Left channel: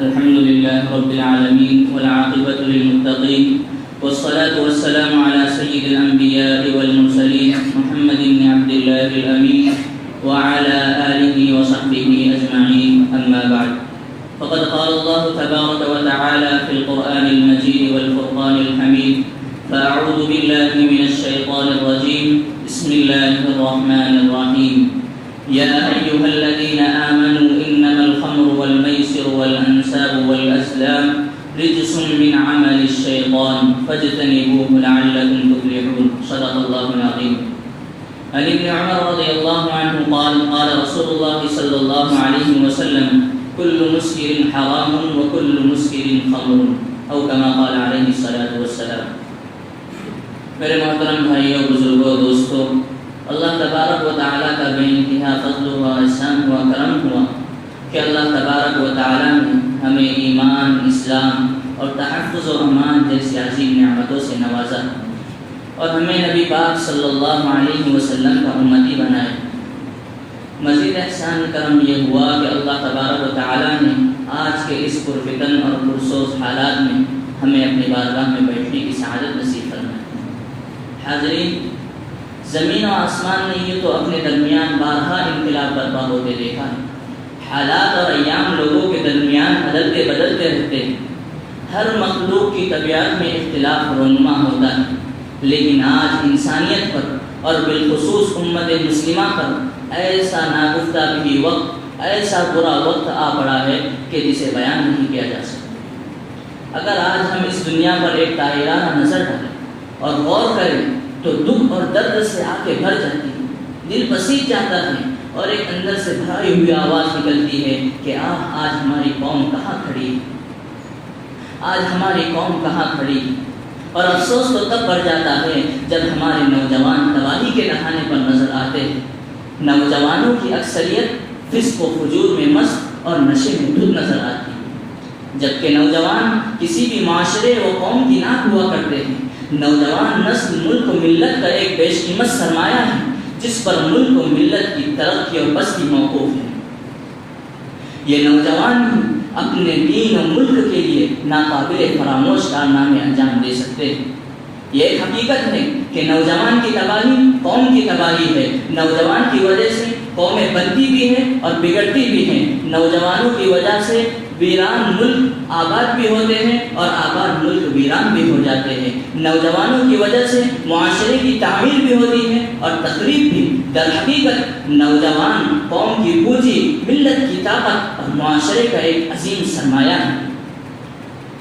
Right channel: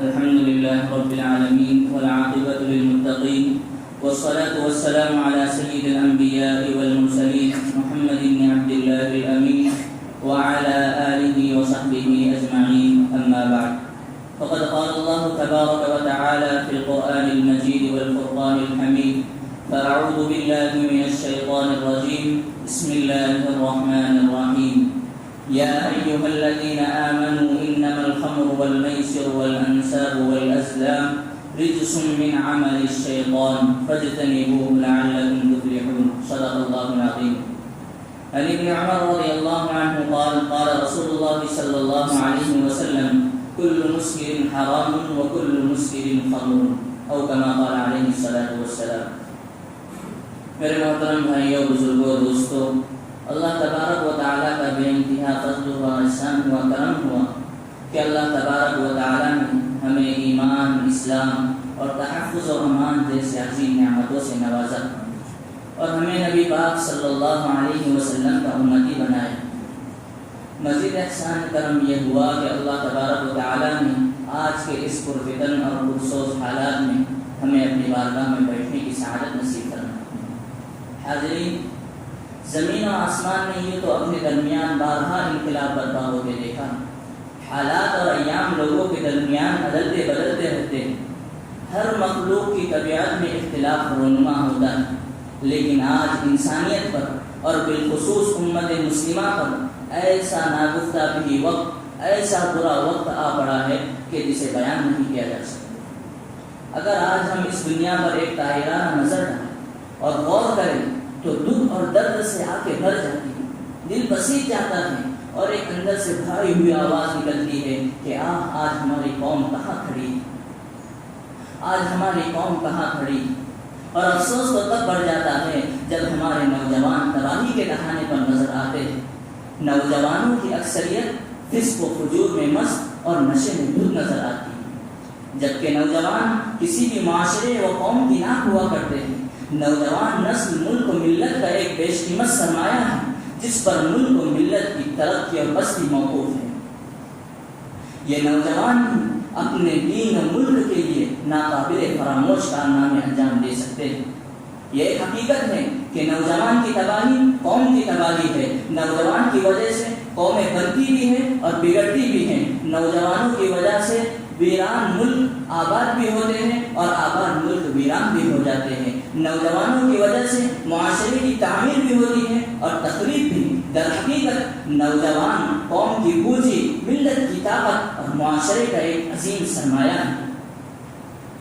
الحمد لله رب العالمين والعاقبة للمتقين والصلاة والسلام على سيد الأنبياء والمرسلين محمد بن عبد الله الأمين وعلى آله وصحبه أجمعين أما بعد فقد قال الله تبارك وتعالى في القرآن المجيد والفرقان الحميد فأعوذ بالله من الشيطان الرجيم بسم الله الرحمن الرحيم يا أيها الذين آمنوا إنما الخمر والميسر والأنساب والأزلام رجس من عمل الشيطان فاجتنبوه لعلكم تفلحون صدق الله العظيم. عن ابن عمر رضي الله عنه قال قال رسول الله صلى الله عليه وسلم كل مسكر حرام وكل مسكر خمر أو كما قال عليه الصلاة والسلام. میرے محترم بھائیوں بزرگوں دوستوں، اللہ تبارک و تعالیٰ کا بے انتہا فضل ہوا، احسان ہوا، کرم ہوا کہ اللہ تبارک و تعالیٰ نے ہمیں ایمان، اسلام اور تحفظ و امان جیسی عظیم نعمتوں سے نوازا اور ہمیں نبی پاک صلی اللہ علیہ وسلم کا امتی بنائے۔ مزید احسان کرم یہ ہوا کہ اللہ تبارک و تعالیٰ نے آج کے اس پرفتن اور پرسوز حالات میں ہمیں اپنی بارگاہ میں بیٹھنے کی سعادت نصیب فرمائے۔ حاضرین، زمین و آسمان نے یہ تو اپنے درمیان بارہا انقلاب برپا ہوتے دیکھا ہے۔ حالات اور ایام لوگوں کے درمیان بدلتے بدلتے رہتے ہیں۔ ہر مخلوق کی طبیعت میں اختلاف رونما ہوتا ہے، لیکن آج انسانیت پر اور بالخصوص امت مسلمہ پر ایسا ناگفتہ بھی وقت، ایسا برا وقت آ پڑا ہے کہ جسے بیان نہیں کیا جا سکتا۔ اگر آج ہم اس دنیا پر ایک طاہرانہ نظر ڈالیں اور غور کریں تو دکھ اور درد سے آنکھیں بھر جاتی ہیں، دل پسیج جاتا ہے اور ایک اندر سے بھری ہوئی آواز نکلتی ہے کہ آج ہماری قوم کہاں کھڑی ہے، آج ہماری قوم کہاں کھڑی ہے۔ اور افسوس تو تب بڑھ جاتا ہے جب ہمارے نوجوان تباہی کے نہانے پر نظر آتے ہیں۔ نوجوانوں کی اکثریت فسق و فجور میں مست اور نشے میں دھت نظر آتی ہے، جبکہ نوجوان کسی بھی معاشرے و قوم کی ناک ہوا کرتے ہیں۔ نوجوان نسل ملک و ملت کا ایک بیش قیمت سرمایہ ہے جس پر ملک و ملت کی ترقی اور بستی موقوف ہے۔ یہ نوجوان بھی اپنے دین و ملک کے لیے ناقابل فراموش کارنامے انجام دے سکتے ہیں۔ یہ ایک حقیقت ہے کہ نوجوان کی تباہی قوم کی تباہی ہے۔ نوجوان کی وجہ سے قومیں بنتی بھی ہیں اور بگڑتی بھی ہیں۔ نوجوانوں کی وجہ سے ویران ملک آباد بھی ہوتے ہیں اور آباد ملک ویران بھی ہو جاتے ہیں۔ نوجوانوں کی وجہ سے معاشرے کی تعمیر بھی ہوتی ہے اور تخریب بھی۔ در حقیقت نوجوان قوم کی پونجی، ملت کی طاقت اور معاشرے کا ایک عظیم سرمایہ ہے۔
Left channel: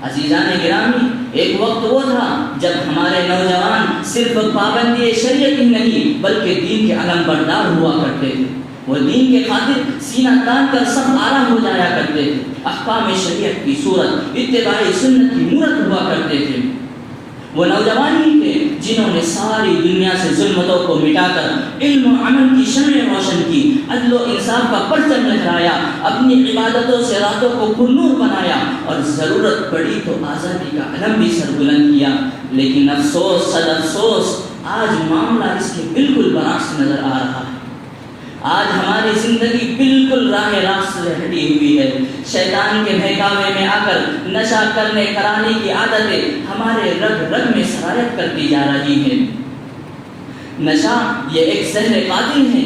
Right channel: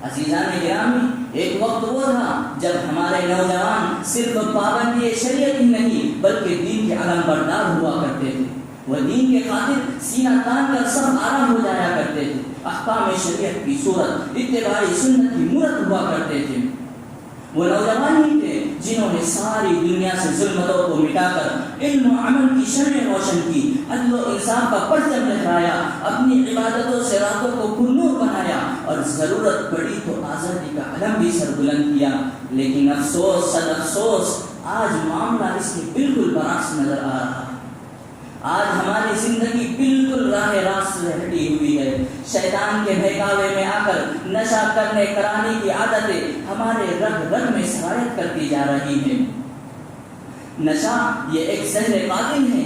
عزیزان گرامی، ایک وقت وہ تھا جب ہمارے نوجوان صرف پابندی شریعت ہی نہیں بلکہ دین کے علم بردار ہوا کرتے تھے۔ وہ دین کے خاطر سینہ تان کر سب آرام ہو جایا کرتے تھے۔ احکام شریعت کی صورت، اتباع سنت کی مورت ہوا کرتے تھے۔ وہ نوجوان ہی تھے جنہوں نے ساری دنیا سے ظلمتوں کو مٹا کر علم و عمل کی شمع روشن کی، عدل و انصاف کا پرچم لہرایا، اپنی عبادتوں سے راتوں کو پرنور بنایا اور ضرورت پڑی تو آزادی کا علم بھی سربلند کیا۔ لیکن افسوس صد افسوس، آج معاملہ اس کے بالکل برعکس نظر آ رہا ہے۔ آج ہماری زندگی بالکل راہ راست سے ہٹی ہوئی ہے۔ شیطان کے بہکاوے میں آ کر نشہ کرنے کرانے کی عادتیں ہمارے رگ رگ میں سرایت کرتی جا رہی ہیں۔ نشہ یہ ایک زہر قاتل ہے۔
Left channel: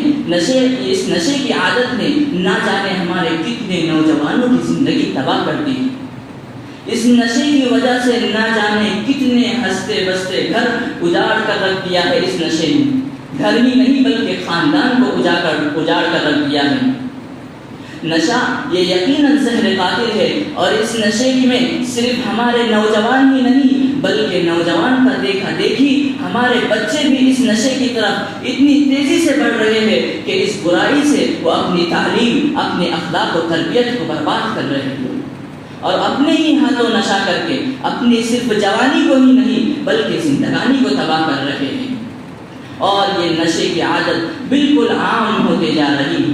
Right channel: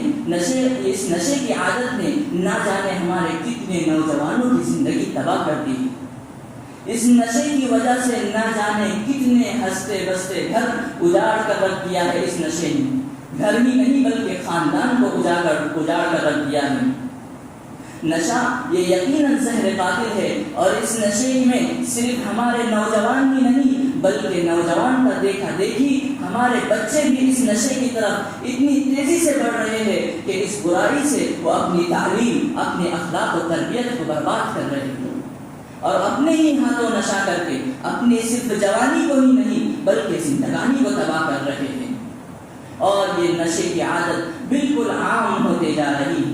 اس نشے کی عادت نے نہ جانے ہمارے کتنے نوجوانوں کی زندگی تباہ کر دی۔ اس نشے کی وجہ سے نہ جانے کتنے ہنستے بستے گھر اجاڑ کر رکھ دیا ہے۔ اس نشے نے گھر ہی نہیں بلکہ خاندان کو اجاڑ کر رکھ دیا ہے۔ نشہ یہ یقیناً زہر قاتل ہے اور اس نشے میں صرف ہمارے نوجوان ہی نہیں بلکہ نوجوان کا دیکھا دیکھی ہمارے بچے بھی اس نشے کی طرف اتنی تیزی سے بڑھ رہے ہیں کہ اس برائی سے وہ اپنی تعلیم، اپنے اخلاق و تربیت کو برباد کر رہے ہیں اور اپنے ہی ہاتھوں نشہ کر کے اپنی صرف جوانی کو ہی نہیں بلکہ زندگانی کو تباہ کر رہے ہیں۔ اور یہ نشے کی عادت بالکل عام ہوتے جا رہی ہے۔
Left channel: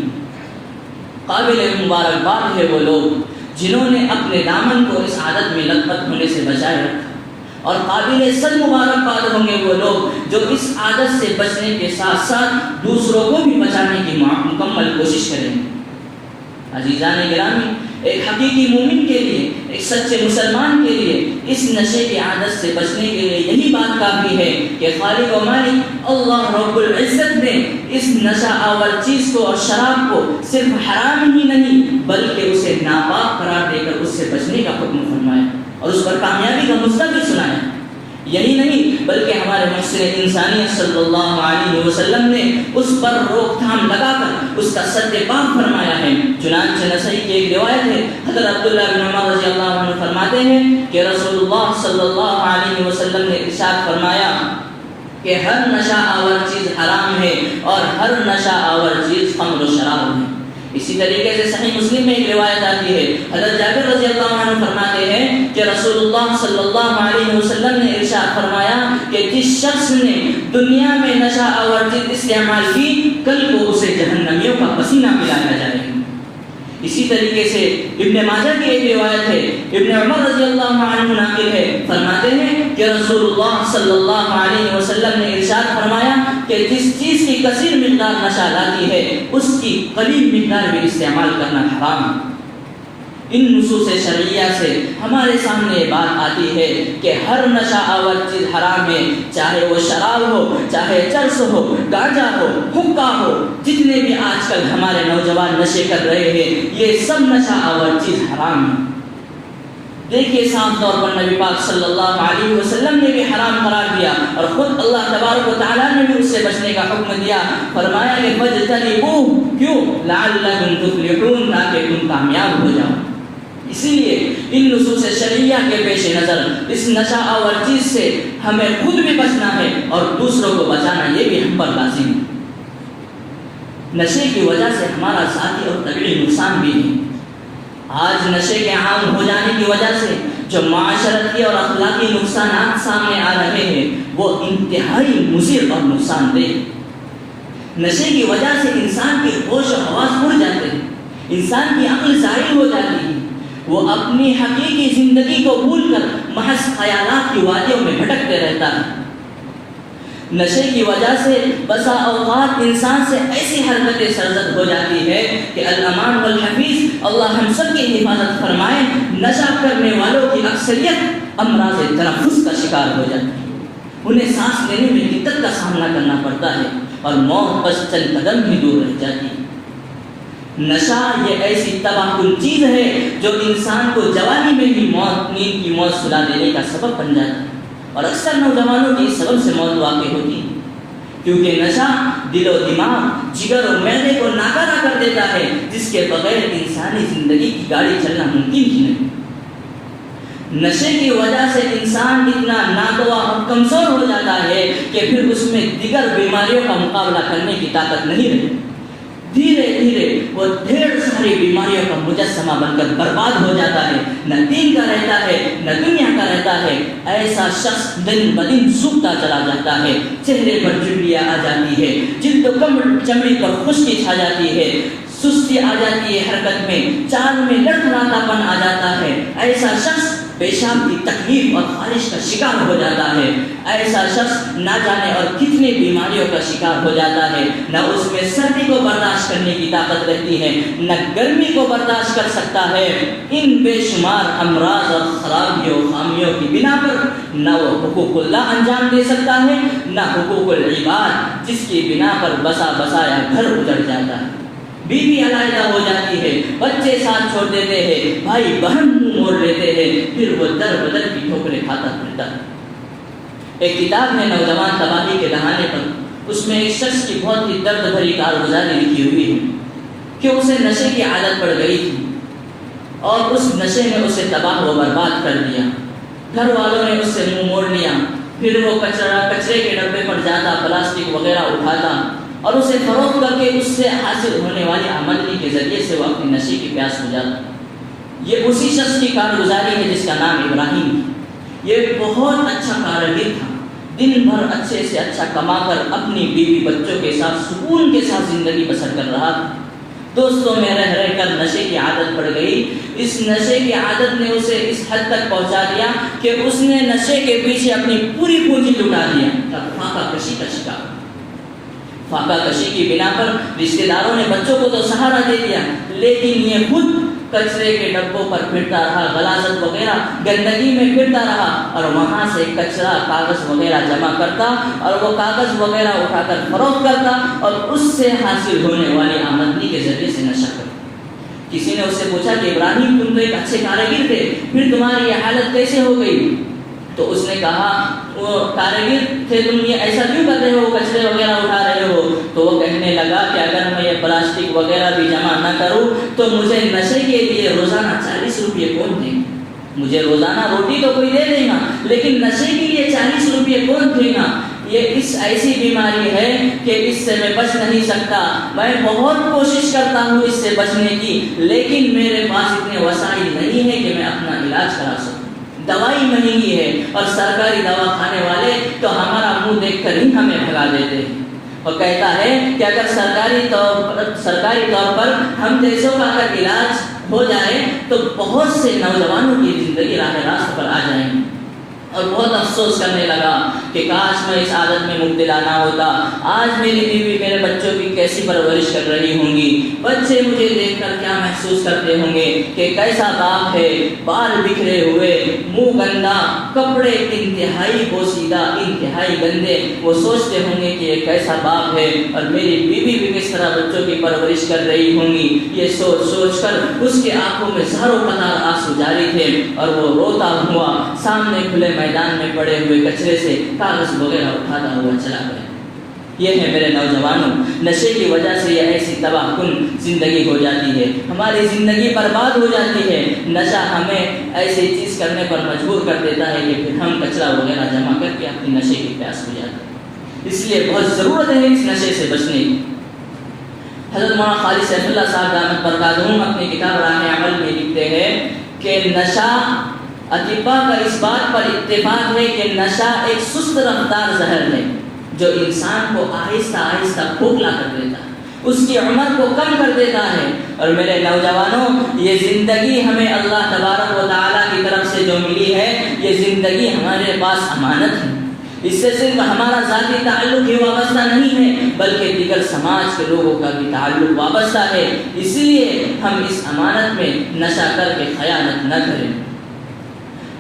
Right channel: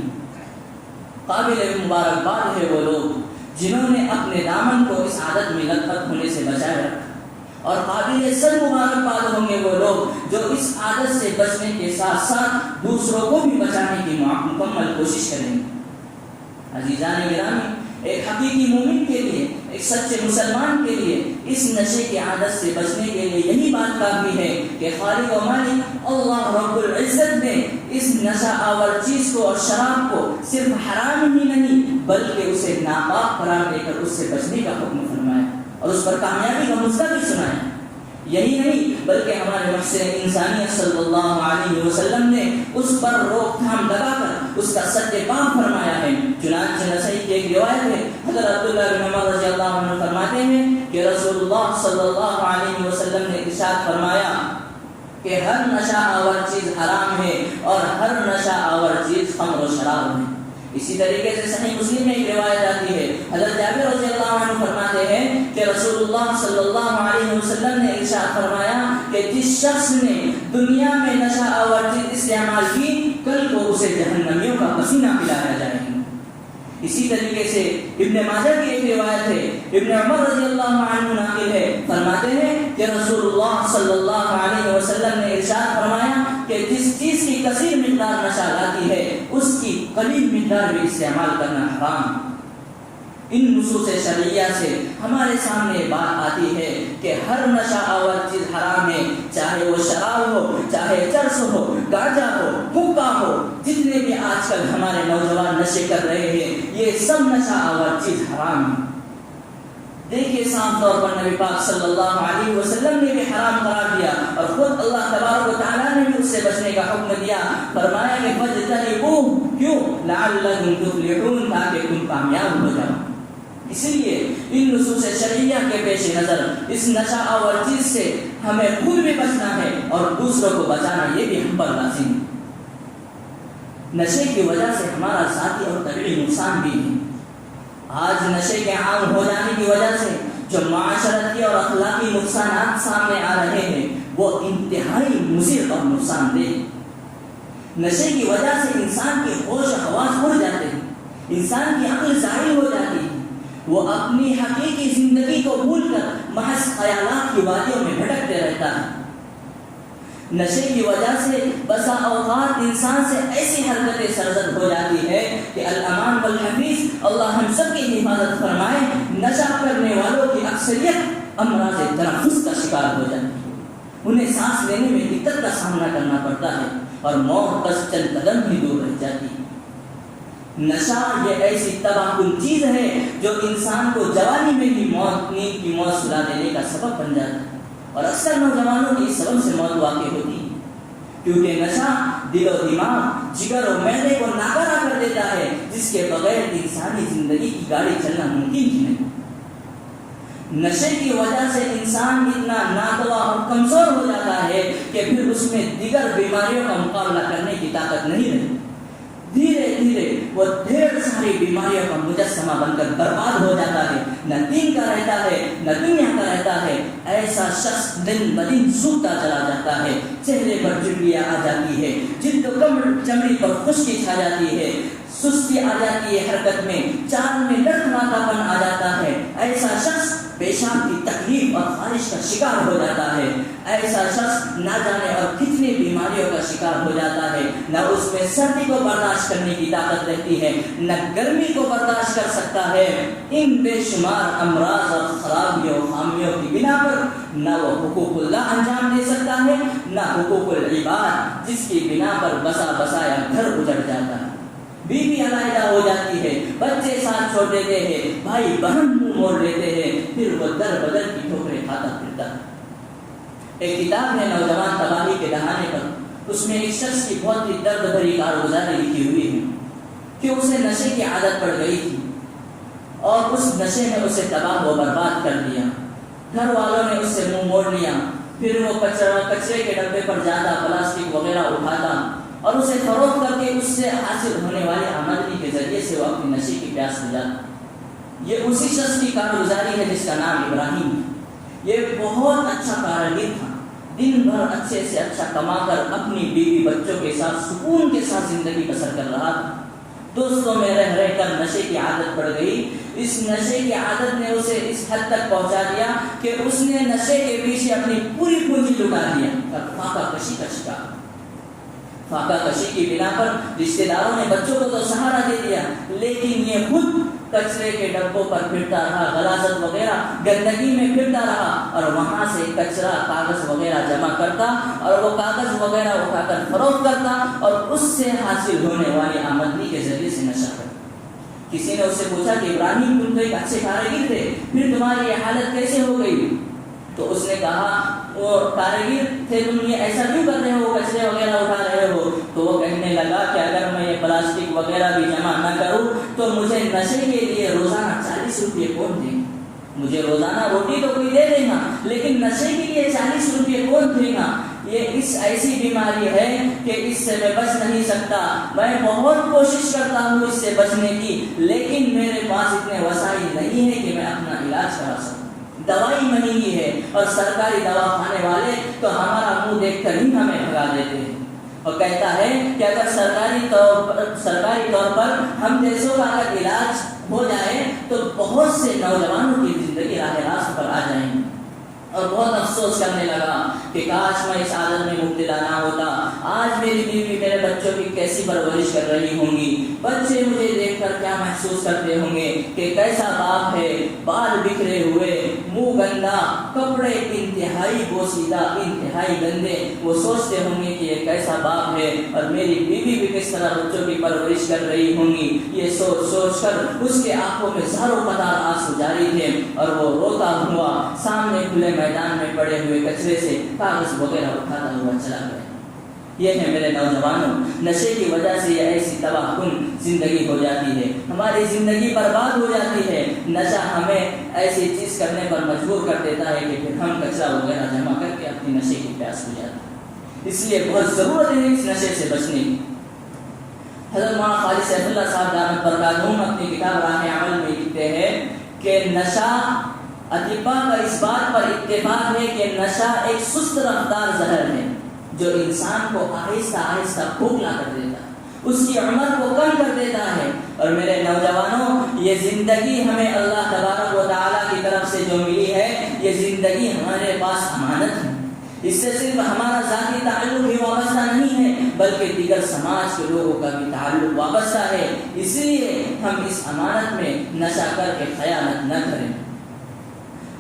قابل مبارکباد ہے وہ لوگ جنہوں نے اپنے دامن کو اس عادت میں لت پت ہونے سے بچائے رکھا، اور قابل صد مبارکباد ہوں گے وہ لوگ جو اس عادت سے بچنے کے ساتھ ساتھ دوسروں کو بھی بچانے کی مکمل کوشش کریں گے۔ عزیزان گرامی، ایک حقیقی مومن کے لیے سچے مسلمان کے لیے اس نشے کی عادت سے بچنے کے لیے یہی بات کافی ہے کہ خالق و مالک اللہ رب العزت نے اس نشہ آور چیز کو اور شراب کو صرف حرام ہی نہیں بلکہ اسے ناپاک قرار دے کر اس سے بچنے کا حکم فرمایا اور اس پر کامیابی کا نسخہ بھی سنایا۔ یہی نہیں بلکہ ہمارے محسن انسانیت صلی اللہ علیہ وسلم نے اس پر روک تھام لگا کر اس کا سد پاک فرمایا ہے۔ چنانچہ نسائی کی ایک روایت ہے، حضرت عبداللہ بن عمر رضی اللہ عنہ فرماتے ہیں کہ رسول اللہ صلی اللہ علیہ وسلم نے ارشاد فرمایا کہ ہر نشہ آور چیز حرام ہے اور ہر نشہ آور چیز خمر و شراب ہے۔ اسی طریقے سے صحیح مسلم میں ایک روایت آتی ہے، حضرت جابر رضی اللہ عنہ فرماتے ہیں کہ رسول اللہ صلی اللہ علیہ وسلم نے ارشاد فرمایا کہ جس شخص نے دنیا میں نشہ آور چیز استعمال کی کل کو اسے جہنمیوں کا پسینہ پلایا جائے گا۔ اسی طریقے سے ابن ماجہ کی ایک روایت ہے، ابن عمر رضی اللہ عنہ ناقل ہے، فرماتے ہیں کہ رسول اللہ صلی اللہ علیہ وسلم نے ارشاد فرمایا کہ جس چیز کی کثیر مقدار نشہ لاتی ہے اس کی قلیل مقدار بھی استعمال کرنا حرام ہے۔ ان نصوص شرعیہ سے ہمارے سامنے بات آتی ہے کہ ہر نشہ آور چیز حرام ہے، چاہے وہ شراب ہو، چاہے چرس ہو، گانجا ہو، حقہ ہو، جتنے بھی آج کل ہمارے نوجوان نشے کر رہے ہیں یہ سب نشہ آور چیز حرام ہے۔ دیکھیے صاف طور پر نبی پاک صلی اللہ علیہ وسلم نے بھی حرام قرار دیا اور خود اللہ تبارک و تعالیٰ نے بھی اس سے بچنے کا حکم دیا، فرمایا کہ فَاجْتَنِبُوهُ کیوں لَعَلَّكُمْ تُفْلِحُونَ تاکہ تم کامیاب ہو جاؤ۔ اسی لیے ان نصوص شرعیہ کے پیش نظر اس نشہ آور چیز سے ہمیں خود بھی بچنا ہے اور دوسروں کو بچانا یہ بھی ہم پر لازم ہے۔ نشے کی وجہ سے ہمارا ذاتی اور طبعی نقصان بھی ہے۔ آج نشے کے عام ہو جانے کی وجہ سے جو معاشرتی اور اخلاقی نقصانات سامنے آ رہے ہیں وہ انتہائی مضر اور نقصان دہ۔ نشے کی وجہ سے انسان کی ہوش و حواس اڑ جاتے ہیں، انسان کی عقل ظاہر ہو جاتی ہے، وہ اپنی حقیقی زندگی کو بھول کر محض خیالات کی وادیوں میں بھٹکتے رہتا ہے۔ نشے کی وجہ سے بسا اوقات انسان سے ایسی حرکتیں سرزد ہو جاتی ہے کہ الامان والحفیظ اللہ ہم سب کی حفاظت فرمائے، نشہ کرنے والوں کی اکثریت امراض تنفس کا شکار ہو جاتی ہے، انہیں سانس لینے میں دقت کا سامنا کرنا پڑتا ہے اور موت بس چند قدم ہی دور رہ جاتی ہے۔ نشہ یہ ایسی تباہ کن چیز ہے جو انسان کو جوانی میں ہی نیند کی موت سلا دینے کا سبب بن جاتا ہے اور اکثر نوجوانوں کی اس سبب سے موت واقع ہوتی ہے، کیونکہ نشہ دل و دماغ، جگر اور معدے کو ناکارہ کر دیتا ہے جس کے بغیر انسانی زندگی کی گاڑی چلنا ممکن ہی نہیں۔ نشے کی وجہ سے انسان اتنا ناتوا اور کمزور ہو جاتا ہے کہ پھر اس میں دیگر بیماریوں کا مقابلہ کرنے کی طاقت نہیں رہتی، دھیرے دھیرے وہ ڈھیر ساری بیماریوں کا مجسمہ بن کر برباد ہو جاتا ہے، نہ دین کا رہتا ہے نہ دنیا کا رہتا ہے۔ ایسا شخص دن بدن سوکھتا چلا جاتا ہے، چہرے پر جھریاں آ جاتی ہے، جلد و چمڑی پر خشکی چھا جاتی ہے، سستی آ جاتی ہے حرکت میں، چال میں لڑکھڑاتا پن آ جاتا ہے۔ ایسا شخص پیشاب کی تکلیف اور خارش کا شکار ہو جاتا ہے، ایسا شخص نہ جانے اور کتنی بیماریوں کا شکار ہو جاتا ہے، نہ اس میں سردی کو برداشت کرنے کی طاقت رہتی ہے، نہ گرمی کو برداشت کر سکتا ہے۔ ان بے شمار امراض اور خرابیوں خامیوں کی بنا پر نہ وہ حقوق اللہ انجام دے سکتا ہے نہ حقوق العباد، جس کی بنا پر بسا بسایا گھر اجڑ جاتا ہے، بیوی علیحدہ ہو جاتی ہے، بچے ساتھ چھوڑ دیتے ہیں، بھائی بہن منہ موڑ لیتے ہیں، پھر وہ در بدر کی ٹھوکریں کھاتا پھرتا ہے۔ ایک کتاب ہے نوجوان تباہی کے دہانے پر، اس میں ایک شخص کی بہت ہی درد بھری کارگزاری لکھی ہوئی ہے کہ اسے نشے کی عادت پڑ گئی تھی اور اس نشے نے اسے تباہ و برباد کر دیا۔ گھر والوں نے اس سے منہ موڑ لیا، پھر وہ کچرے کے ڈبے پر جاتا، پلاسٹک وغیرہ اٹھاتا اور اسے فروخت کر کے اس سے حاصل ہونے والی آمدنی کے ذریعے سے وہ اپنی نشے کی پیاس بجھاتا۔ یہ اسی شخص کی کارگزاری ہے جس کا نام ابراہیم ہے۔ یہ بہت اچھا کارگر تھا، دن بھر اچھے سے اچھا کما کر اپنی بیوی بچوں کے ساتھ سکون کے ساتھ زندگی بسر کر رہا تھا۔ دوستوں میں رہ رہ کر نشے کی عادت پڑ گئی۔ اس نشے کی عادت نے اسے اس حد تک پہنچا دیا کہ اس نے نشے کے پیچھے اپنی پوری پونجی لٹا دیا۔ اب فاقہ کشی کا شکار، فاقہ کشی کی بنا پر رشتہ داروں نے بچوں کو تو سہارا دے دیا، لیکن یہ خود کچرے کے ڈبوں پر پھرتا رہا، غلاظت وغیرہ گندگی میں پھرتا رہا، اور وہاں سے کچرا کاغذ وغیرہ جمع کرتا اور وہ کاغذ وغیرہ اٹھا کر فروخت کرتا اور اس سے حاصل ہونے والی آمدنی کے ذریعے سے نشہ کرتا۔ کسی نے اس سے پوچھا کہ ابراہیم تم تو ایک اچھے کاریگر تھے، پھر تمہاری یہ حالت کیسے ہو گئی؟ تو اس نے کہا وہ کاریگر تھے تم یہ ایسا کیوں کر رہے ہو، کچرے وغیرہ اٹھا رہے ہو؟ تو وہ کہنے لگا کہ اگر میں یہ پلاسٹک وغیرہ بھی جمع نہ کروں تو مجھے نشے کے لیے روزانہ 40 روپئے کون دیں؟ مجھے روزانہ روٹی تو کوئی دے دے گا، لیکن نشے کے لیے 40 روپئے کون دے گا؟ یہ اس ایسی بیماری ہے کہ اس سے میں بچ نہیں سکتا۔ میں بہت کوشش کرتا ہوں اس سے بچنے کی، لیکن میرے پاس اتنے وسائل نہیں ہیں کہ میں اپنا علاج کرا سکوں۔ دوائی مہنگی ہے اور سرکاری دوا کھانے والے تو ہمارا منہ دیکھ کر ہی ہمیں بھگا دیتے ہیں، اور کہتا ہے کہ اگر سرکاری طور پر ہم جیسوں کا اگر علاج ہو جائے تو بہت سے نوجوانوں کی زندگی راہ راست پر آ جائیں گی۔ اور بہت افسوس کرنے لگا کہ کاش میں اس عادت میں مبتلا نہ ہوتا۔ آج میری بیوی میرے بچوں کی کیسی پرورش کر رہی ہوں گی، بچے مجھے دیکھ کر کیا محسوس کرتے ہوں گے کہ کیسا باپ ہے، بال بکھرے ہوئے، منہ گندا، کپڑے انتہائی بوسیدہ، انتہائی گندے۔ وہ سوچتے ہوں گے کہ یہ کیسا باپ ہے، اور میری بیوی بھی کس طرح بچوں کی پرورش کر رہی ہوں گی۔ یہ سوچ سوچ کر اس کے آنکھوں میں زاروں قطار آنسو جاری تھے، اور وہ روتا ہوا سامنے کھلے میدان میں پڑے ہوئے کچرے سے کاغذ وغیرہ اٹھاتا ہوا چلا گیا۔ یہ ہے میرے نوجوانوں، نشے کی وجہ سے یہ ایسی تباہ کن زندگی ہو جاتی ہے، ہماری زندگی برباد ہو جاتی ہے۔ نشہ ہمیں ایسی چیز کرنے پر مجبور کر دیتا ہے کہ پھر ہم کچرا وغیرہ جمع کر کے اپنی نشے کی پیاس ہو جاتے ہیں۔ اس لیے بہت ضرورت ہے اس نشے سے بچنے کی۔ حضرت مولانا خالد سیف اللہ صاحب دامت برکاتہم اپنی کتاب راہ عمل میں لکھتے ہیں کہ نشہ، اطباء کا اس بات پر اتفاق ہے کہ نشہ ایک سست رفتار زہر ہے جو انسان کو آہستہ آہستہ کھوکھلا کر دیتا ہے، اس کی عمر کو کم کر دیتا ہے۔ اور میرے نوجوانوں، یہ زندگی ہمیں اللہ تبارک و تعالیٰ کی طرف سے جو ملی ہے، یہ زندگی ہمارے پاس امانت ہے۔ اس سے صرف ہمارا ذاتی تعلق ہی وابستہ نہیں ہے، بلکہ دیگر سماج کے لوگوں کا بھی تعلق وابستہ ہے۔ اس لیے ہم اس امانت میں نشہ کر کے خیانت نہ کریں۔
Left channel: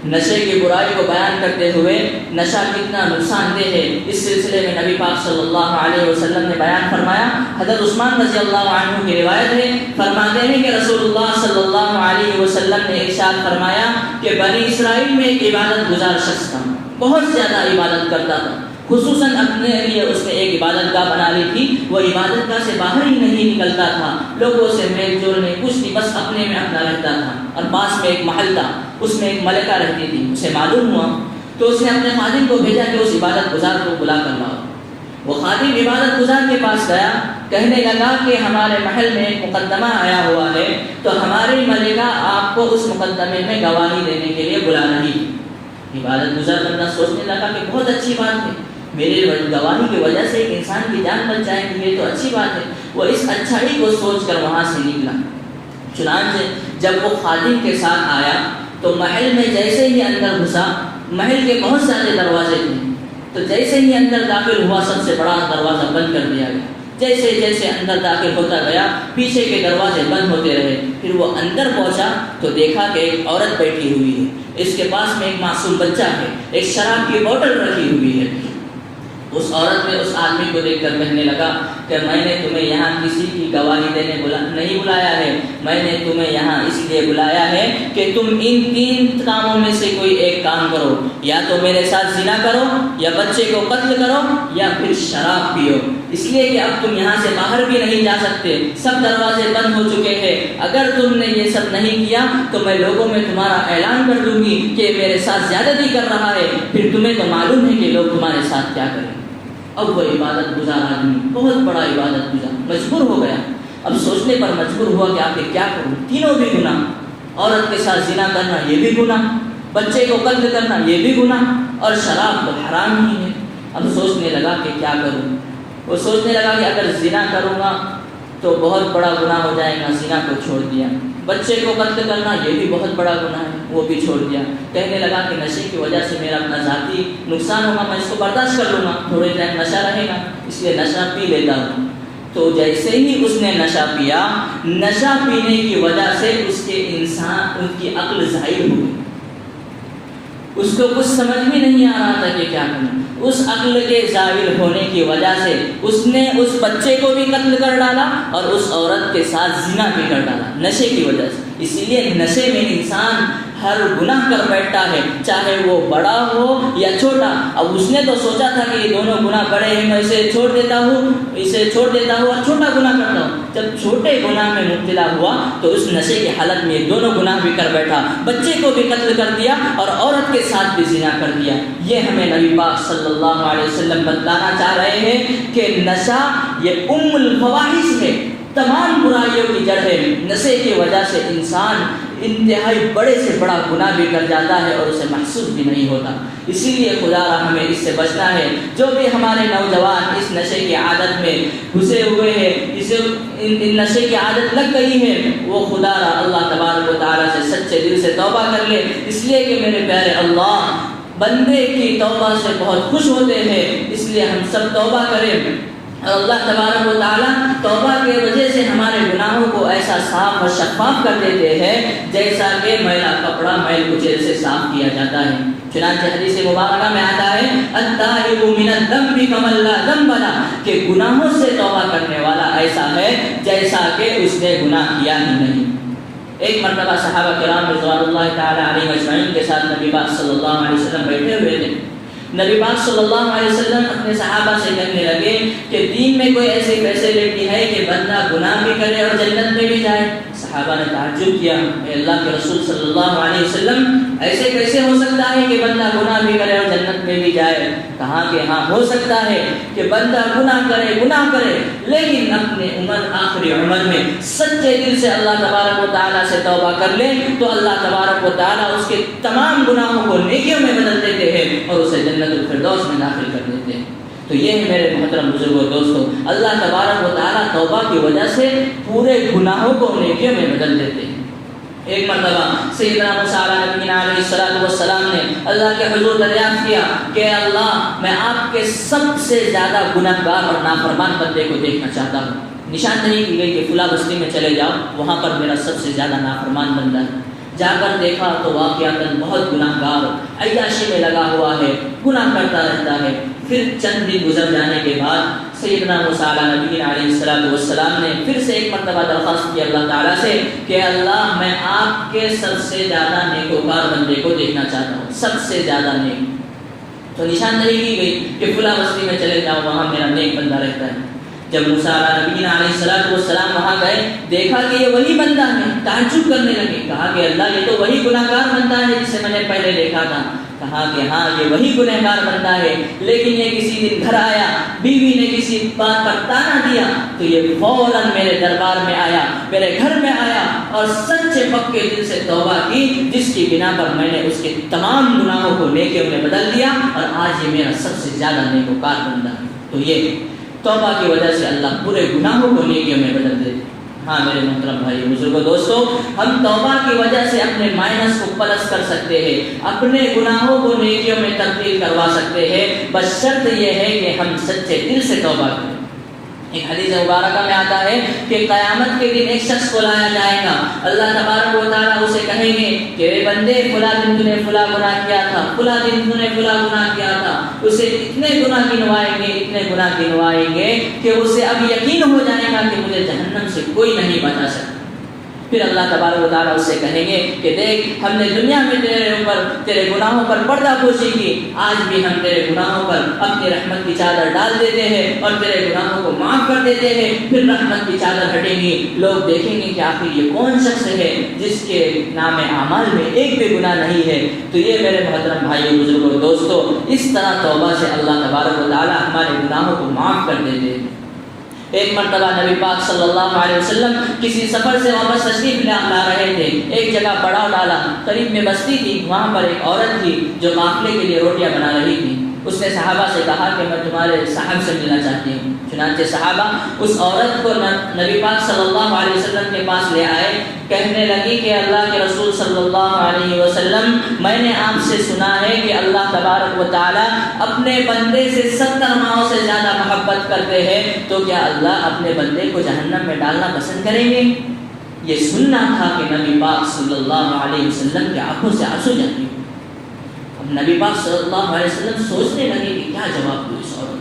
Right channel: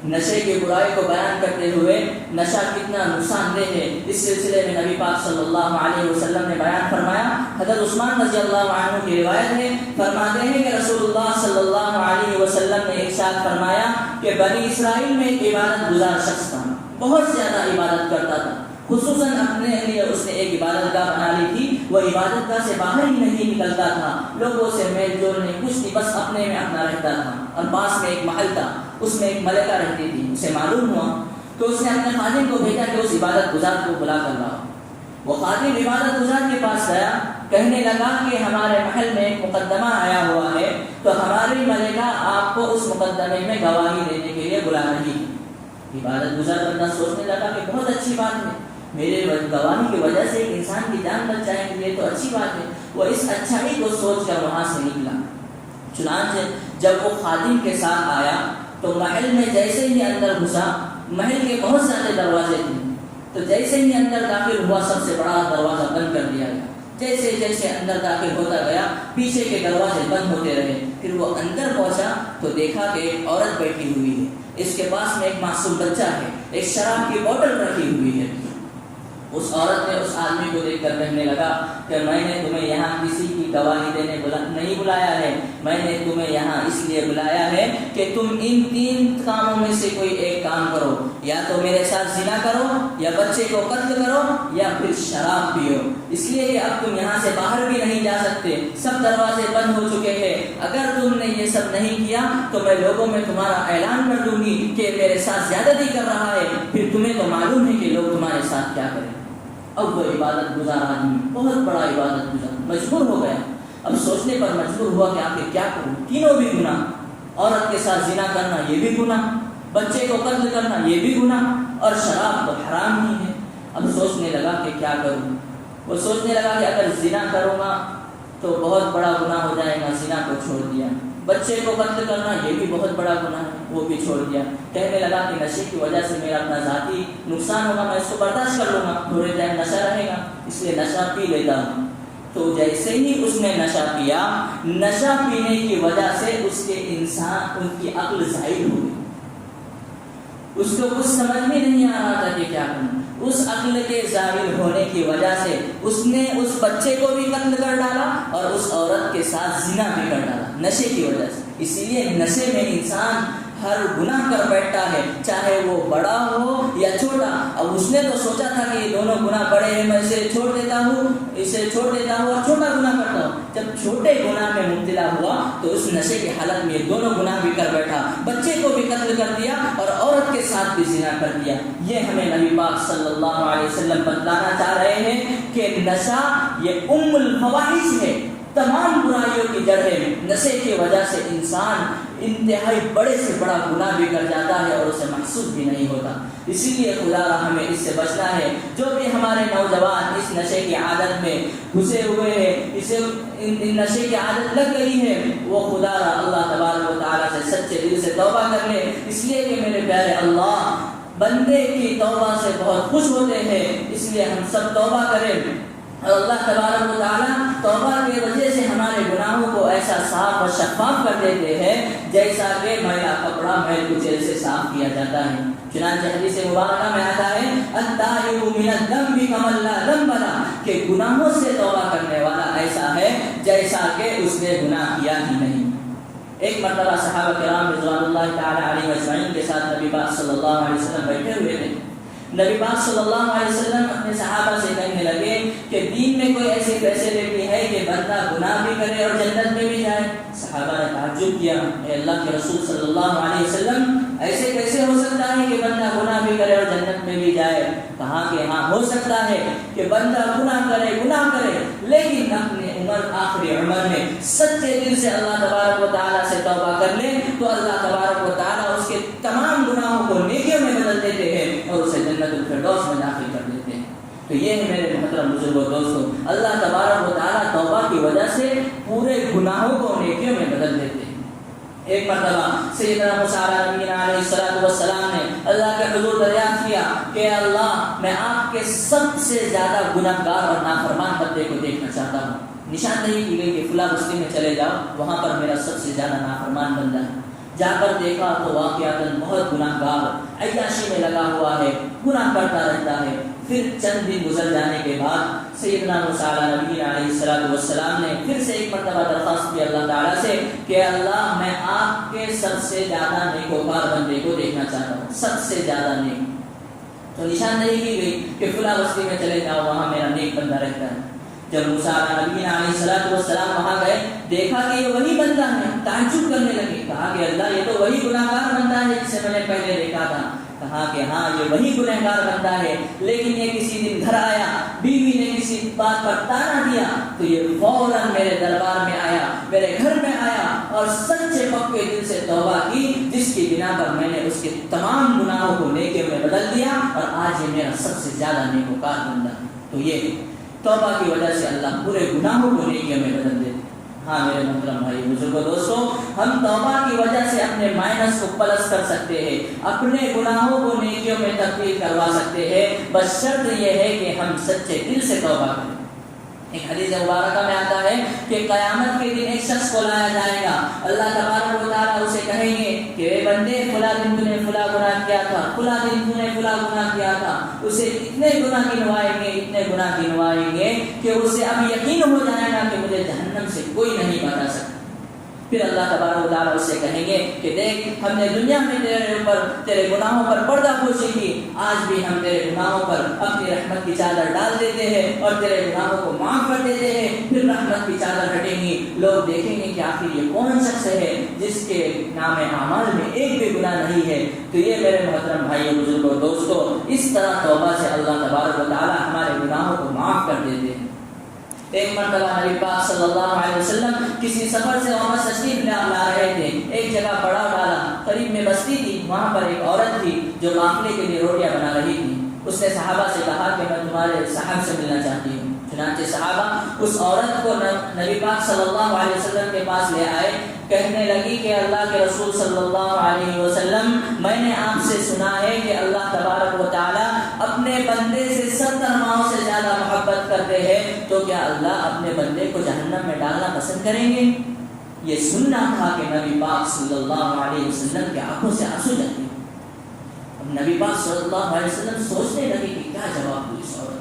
نشے کی برائی کو بیان کرتے ہوئے نشہ کتنا نقصان دہ ہے، اس سلسلے میں نبی پاک صلی اللہ علیہ وسلم نے بیان فرمایا۔ حضرت عثمان رضی اللہ عنہ کی روایت ہے، فرماتے ہیں کہ رسول اللہ صلی اللہ علیہ وسلم نے ارشاد فرمایا کہ بنی اسرائیل میں ایک عبادت گزار شخص تھا، بہت زیادہ عبادت کرتا تھا، خصوصاً اپنے لیے اس نے ایک عبادت گاہ بنا لی تھی، وہ عبادت گاہ سے باہر ہی نہیں نکلتا تھا، لوگوں سے میل جول نہیں کچھ نہیں، بس اپنے میں اپنا رہتا تھا۔ اور پاس میں ایک محل تھا، اس میں ایک ملکہ رہتی تھی، اسے معلوم ہوا تو اس نے اپنے خادم کو بھیجا کہ اس عبادت گزار کو بلا کر لاؤ۔ وہ خادم عبادت گزار کے پاس گیا، کہنے لگا کہ ہمارے محل میں ایک مقدمہ آیا ہوا ہے، تو ہماری ملکہ آپ کو اس مقدمے میں گواہی دینے کے لیے بلا رہی ہے۔ عبادت گزار بندہ سوچنے لگا کہ بہت اچھی بات ہے، میرے گواہی کی وجہ سے ایک انسان کی جان بچ جائے گی، یہ تو اچھی بات ہے۔ وہ اس اچھائی کو سوچ کر وہاں سے نکلا۔ چنانچہ جب وہ خادم کے ساتھ آیا تو محل میں جیسے ہی اندر گھسا، محل کے بہت سارے دروازے تھے، تو جیسے ہی اندر داخل ہوا سب سے بڑا دروازہ بند کر دیا گیا۔ جیسے جیسے اندر داخل ہوتا گیا پیچھے کے دروازے بند ہوتے رہے۔ پھر وہ اندر پہنچا تو دیکھا کہ ایک عورت بیٹھی ہوئی ہے، اس کے پاس میں ایک معصوم بچہ ہے، ایک شراب کی بوتل رکھی ہوئی ہے۔ اس عورت نے اس آدمی کو دیکھ کر کہنے لگا کہ میں نے تمہیں یہاں کسی کی گواہی دینے نہیں بلایا ہے، میں نے تمہیں یہاں اس لیے بلایا ہے کہ تم ان 3 کاموں میں سے کوئی ایک کام کرو، یا تو میرے ساتھ زنا کرو، یا بچے کو قتل کرو، یا پھر شراب پیو۔ اس لیے کہ اب تم یہاں سے باہر بھی نہیں جا سکتے، سب دروازے بند ہو چکے ہیں۔ اگر تم نے یہ سب نہیں کیا تو میں لوگوں میں تمہارا اعلان کر دوں گی کہ میرے ساتھ زیادتی کر رہا ہے، پھر تمہیں تو معلوم ہے کہ لوگ تمہارے ساتھ کیا کریں۔ اب وہ عبادت گزار آدمی، بہت بڑا عبادت گزار، مجبور ہو گیا۔ اب سوچنے پر مجبور ہوا کہ آخر کیا کروں، تینوں بھی گناہ، عورت کے ساتھ زنا کرنا یہ بھی گناہ، بچے کو قتل کرنا یہ بھی گناہ، اور شراب تو حرام ہی ہے۔ اب سوچنے لگا کہ کیا کروں۔ وہ سوچنے لگا کہ اگر زنا کروں گا تو بہت بڑا گناہ ہو جائے گا، زنا کو چھوڑ دیا۔ بچے کو قتل کرنا یہ بھی بہت بڑا گناہ ہے، وہ بھی چھوڑ دیا۔ کہنے لگا کہ نشے کی وجہ سے میرا اپنا ذاتی نقصان ہوگا، میں اس کو برداشت کر لوں گا، تھوڑے ٹائم نشہ رہے گا، اس لیے نشہ پی لیتا ہوں۔ تو جیسے ہی اس نے نشہ پیا، نشہ پینے کی وجہ سے اس کی عقل ظاہر ہو گئی، اس کو کچھ سمجھ بھی نہیں آ رہا تھا کہ کیا کرنا۔ اس عقل کے ظاہر ہونے کی وجہ سے اس نے اس بچے کو بھی قتل کر ڈالا اور اس عورت کے ساتھ زنا بھی کر ڈالا، نشے کی وجہ سے۔ اسی لیے نشے میں انسان ہر گناہ کر بیٹھتا ہے، چاہے وہ بڑا ہو یا چھوٹا۔ اب اس نے تو سوچا تھا کہ یہ دونوں گناہ بڑے ہیں، میں اسے چھوڑ دیتا ہوں اور چھوٹا گناہ کرتا ہوں۔ جب چھوٹے گناہ میں مبتلا ہوا تو اس نشے کی حالت میں دونوں گناہ بھی کر بیٹھا، بچے کو بھی قتل کر دیا اور عورت کے ساتھ بھی زنا کر دیا۔ یہ ہمیں نبی پاک صلی اللہ علیہ وسلم بتلانا چاہ رہے ہیں کہ نشہ یہ ام الفواحش ہے، تمام برائیوں کی جڑ ہے۔ نشے کی وجہ سے انسان انتہائی بڑے سے بڑا گناہ بھی کر جاتا ہے اور اسے محسوس بھی نہیں ہوتا۔ اسی لیے خدا را ہمیں اس سے بچنا ہے۔ جو بھی ہمارے نوجوان اس نشے کی عادت میں گھسے ہوئے ہیں، ان نشے کی عادت لگ گئی ہے، وہ خدا را اللہ تبارک و تعالیٰ سے سچے دل سے توبہ کر لے، اس لیے کہ میرے پیارے اللہ بندے کی توبہ سے بہت خوش ہوتے ہیں۔ اس لیے ہم سب توبہ کریں اور اللہ تبارک و تعالیٰ توبہ کی وجہ سے ہمارے گناہوں کو ایسا صاف و شفاف کر دیتے ہیں جیسا کہ میلا کپڑا میل کچیل سے صاف کیا جاتا ہے۔ چنانچہ حدیث مبارکہ میں آتا ہے التائب من الذنب کمن لا ذنب له، کہ گناہوں سے توبہ کرنے والا ایسا ہے جیسا کہ اس نے گناہ کیا ہی نہیں۔ ایک مرتبہ صحابہ کرام رضوان اللہ تعالی علیہم اجمعین کے ساتھ نبی پاک صلی اللہ علیہ وسلم بیٹھے ہوئے تھے۔ نبی پاک صلی اللہ علیہ وسلم اپنے صحابہ سے کہنے لگے کہ دین میں کوئی ایسی فیسلٹی ہے کہ بندہ گناہ بھی کرے اور جنت میں بھی جائے؟ صحابہ نے تعجب کیا، اے اللہ کے رسول صلی اللہ علیہ وسلم ایسے کیسے ہو سکتا ہے کہ بندہ گناہ بھی کرے اور جنت میں بھی جائے؟ کہا کہ ہاں ہو سکتا ہے کہ بندہ گناہ کرے لیکن اپنے آخری عمر میں سچے دل سے اللہ تبارک و تعالیٰ سے توبہ کر لے تو اللہ تبارک و تعالیٰ اس کے تمام گناہوں کو نیکیوں میں بدل دیتے ہیں اور اسے جنت الفردوس میں داخل کر دیتے ہیں۔ تو یہ ہے میرے محترم بزرگوں دوستو، اللہ تبارک و تعالیٰ توبہ کی وجہ سے پورے گناہوں کو نیکیوں میں بدل دیتے ہیں۔ ایک مرتبہ سیدنا موسیٰ علیہ السلام نے اللہ کے حضور دریافت کیا کہ اللہ میں آپ کے سب سے زیادہ گنہگار اور نافرمان بندے کو دیکھنا چاہتا ہوں۔ نشاندہی کی گئی کہ فلاں بستی میں چلے جاؤ، وہاں پر میرا سب سے زیادہ نافرمان بندہ ہے۔ جا کر دیکھا تو واقعتاً بہت گناہگار عیاشی میں لگا ہوا ہے، گناہ کرتا رہتا ہے۔ پھر چند دن گزر جانے کے بعد سیدنا موسیٰ علیہ السلام نے پھر سے ایک مرتبہ درخواست کی اللہ تعالیٰ سے کہ اللہ میں آپ کے سب سے زیادہ نیکوکار بندے کو دیکھنا چاہتا ہوں، سب سے زیادہ نیک۔ تو نشاندہی کی گئی کہ فلاں بستی میں چلے جاؤ، وہاں میرا نیک بندہ رہتا ہے۔ جب موسیٰ علیہ السلام وہاں گئے، دیکھا کہ یہ وہی بندہ ہے، تعجب کرنے لگے، کہا کہ اللہ یہ تو وہی گناہگار بندہ ہے جسے میں نے پہلے دیکھا تھا۔ کہا کہ ہاں یہ وہی گنہگار بندہ ہے، لیکن یہ کسی دن گھر آیا، بیوی نے کسی بات پر تانا دیا تو یہ فوراً میرے دربار میں آیا، میرے گھر میں آیا اور سچے پکے دل سے توبہ کی، جس کی بنا پر میں نے اس کے تمام گناہوں کو نیکیوں میں بدل دیا اور آج یہ میرا سب سے زیادہ نیکوکار بندہ ہے۔ تو یہ توبہ کی وجہ سے اللہ پورے گناہوں کو نیکیوں میں بدل دیتے۔ ہاں میرے محترم بھائی بزرگوں دوستو، ہم توبہ کی وجہ سے اپنے مائنس کو پلس کر سکتے ہیں، اپنے گناہوں کو نیکیوں میں تبدیل کروا سکتے ہیں، بس شرط یہ ہے کہ ہم سچے دل سے توبہ کریں۔ ایک حدیث مبارکہ میں آتا ہے کہ قیامت کے دن ایک شخص کو لایا جائے گا، اللہ تبارک و تعالیٰ اسے کہیں گے کہ اے بندے فلاں دن تو نے فلاں گناہ کیا تھا، فلاں دن تو نے فلاں گناہ کیا تھا۔ اسے اتنے گناہ گنوائیں گے کہ اسے اب یقین ہو جائے گا کہ مجھے جہنم سے کوئی نہیں بچا سکتا۔ پھر اللہ تبارک و تعالیٰ اس سے کہیں گے کہ دیکھ ہم نے دنیا میں تیرے گناہوں پر پردہ پوشی کی، آج بھی ہم تیرے گناہوں پر اپنی رحمت کی چادر ڈال دیتے ہیں اور تیرے گناہوں کو معاف کر دیتے ہیں۔ پھر رحمت کی چادر ہٹیں گی، لوگ دیکھیں گے کہ آخر یہ کون شخص ہے جس کے نام اعمال میں ایک بھی گناہ نہیں ہے۔ تو یہ میرے محترم بھائیوں بزرگوں دوستو، اس طرح توبہ سے اللہ تبارک و تعالیٰ ہمارے گناہوں کو معاف کر دیتے ہیں۔ ایک مرتبہ نبی پاک صلی اللہ علیہ وسلم کسی سفر سے واپس تشریف لا رہے تھے، ایک جگہ پڑاؤ ڈالا، قریب میں بستی تھی، وہاں پر ایک عورت تھی جو قافلے کے لیے روٹیاں بنا رہی تھی۔ اس نے صحابہ سے کہا کہ میں تمہارے صاحب سے ملنا چاہتی ہوں۔ چنانچہ صحابہ اس عورت کو نبی پاک صلی اللہ علیہ وسلم کے پاس لے آئے، کہنے لگی کہ اللہ کے رسول صلی اللہ علیہ وسلم، میں نے آپ سے سنا ہے کہ اللہ تبارک و تعالی اپنے بندے سے 70 ماؤں سے زیادہ محبت کرتے ہیں، تو کیا اللہ اپنے بندے کو جہنم میں ڈالنا پسند کریں گے؟ یہ سننا تھا کہ نبی پاک صلی اللہ علیہ وسلم کی آنکھوں سے آنسو جاتے ہیں۔ اب نبی پاک صلی اللہ علیہ وسلم سوچنے لگے کہ کیا جواب دوں اس عورت۔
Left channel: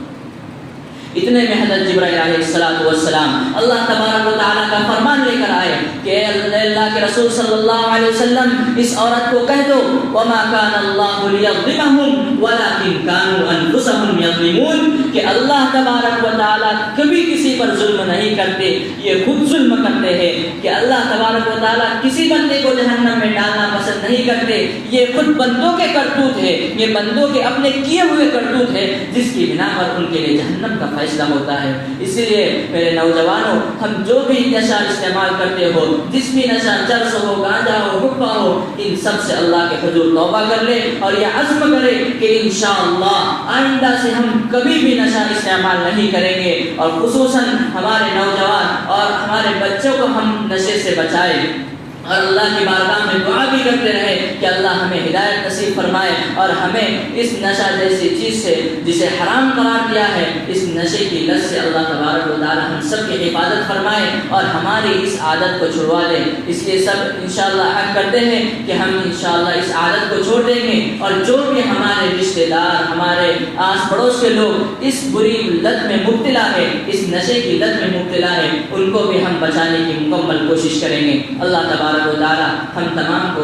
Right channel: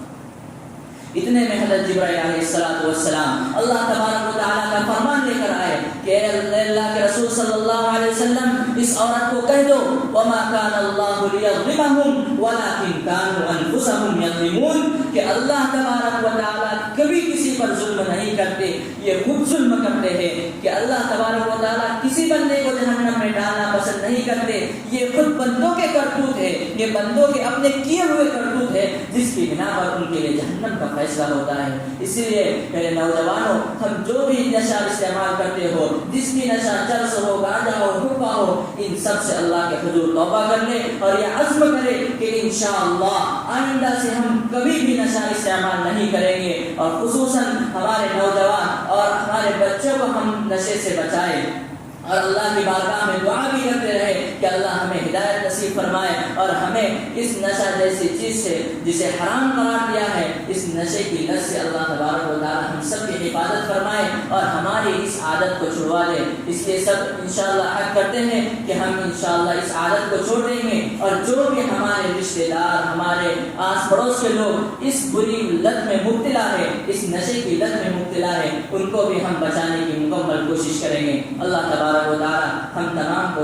اتنے میں حضرت جبرائیل علیہ السلام اللہ تبارک و تعالیٰ کا فرمان لے کر آئے کہ اللہ کے رسول صلی اللہ علیہ وسلم اس عورت کو کہہ دو وَمَا كَانَ اللَّهُ لِيَظْلِمَهُمْ وَلَكِنْ كَانُوا أَنفُسَهُمْ يَظْلِمُونَ کہ اللہ تبارک و تعالیٰ کبھی کسی پر ظلم نہیں کرتے، یہ خود ظلم کرتے ہیں۔ کہ اللہ تبارک و تعالیٰ کسی بندے کو جہنم میں ڈالنا پسند نہیں کرتے، یہ خود بندوں کے کرتوت ہے، یہ بندوں کے اپنے کیے ہوئے کرتوت ہے جس کی بنا پر ان کے لیے جہنم کا فیصلہ ہوتا ہے۔ اس لیے میرے نوجوانوں، ہم جو بھی نشہ استعمال کرتے ہو، جس بھی نشہ چرس ہو، گانجا ہو، حقہ ہو، ان سب سے اللہ کے حضور توبہ کر لے اور یہ عزم کرے کہ انشاءاللہ آئندہ سے ہم کبھی بھی نشہ استعمال نہیں کریں گے، اور خصوصاً ہمارے نوجوان اور ہمارے بچوں کو ہم نشے سے بچائیں، اور اللہ کی بارگاہ میں دعا بھی کرتے رہے کہ اللہ ہمیں ہدایت نصیب فرمائے اور ہمیں اس نشہ جیسی چیز سے جسے حرام قرار دیا ہے، اس نشے کی لت سے اللہ تبارک و تعالی ہم سب کی حفاظت فرمائے اور ہماری اس عادت کو چھڑوا دے۔ اس لیے سب انشاءاللہ عہد کرتے ہیں کہ ہم انشاءاللہ اس عادت کو چھوڑ دیں گے، اور جو بھی ہمارے رشتہ دار، ہمارے آس پڑوس کے لوگ اس بری لت میں مبتلا ہے، اس نشے کی لت میں مبتلا ہے، ان کو بھی ہم بچانے کی مکمل کوشش کریں گے۔ اللہ تبارک و تعالی ہم تمام کو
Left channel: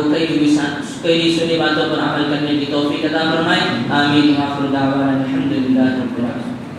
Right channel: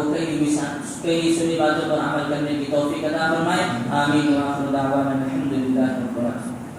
کئی سنی باتوں پر عمل کرنے کی توفیق عطا فرمائے۔ آمین۔ وآخر دعوانا الحمدللہ رب العالمین۔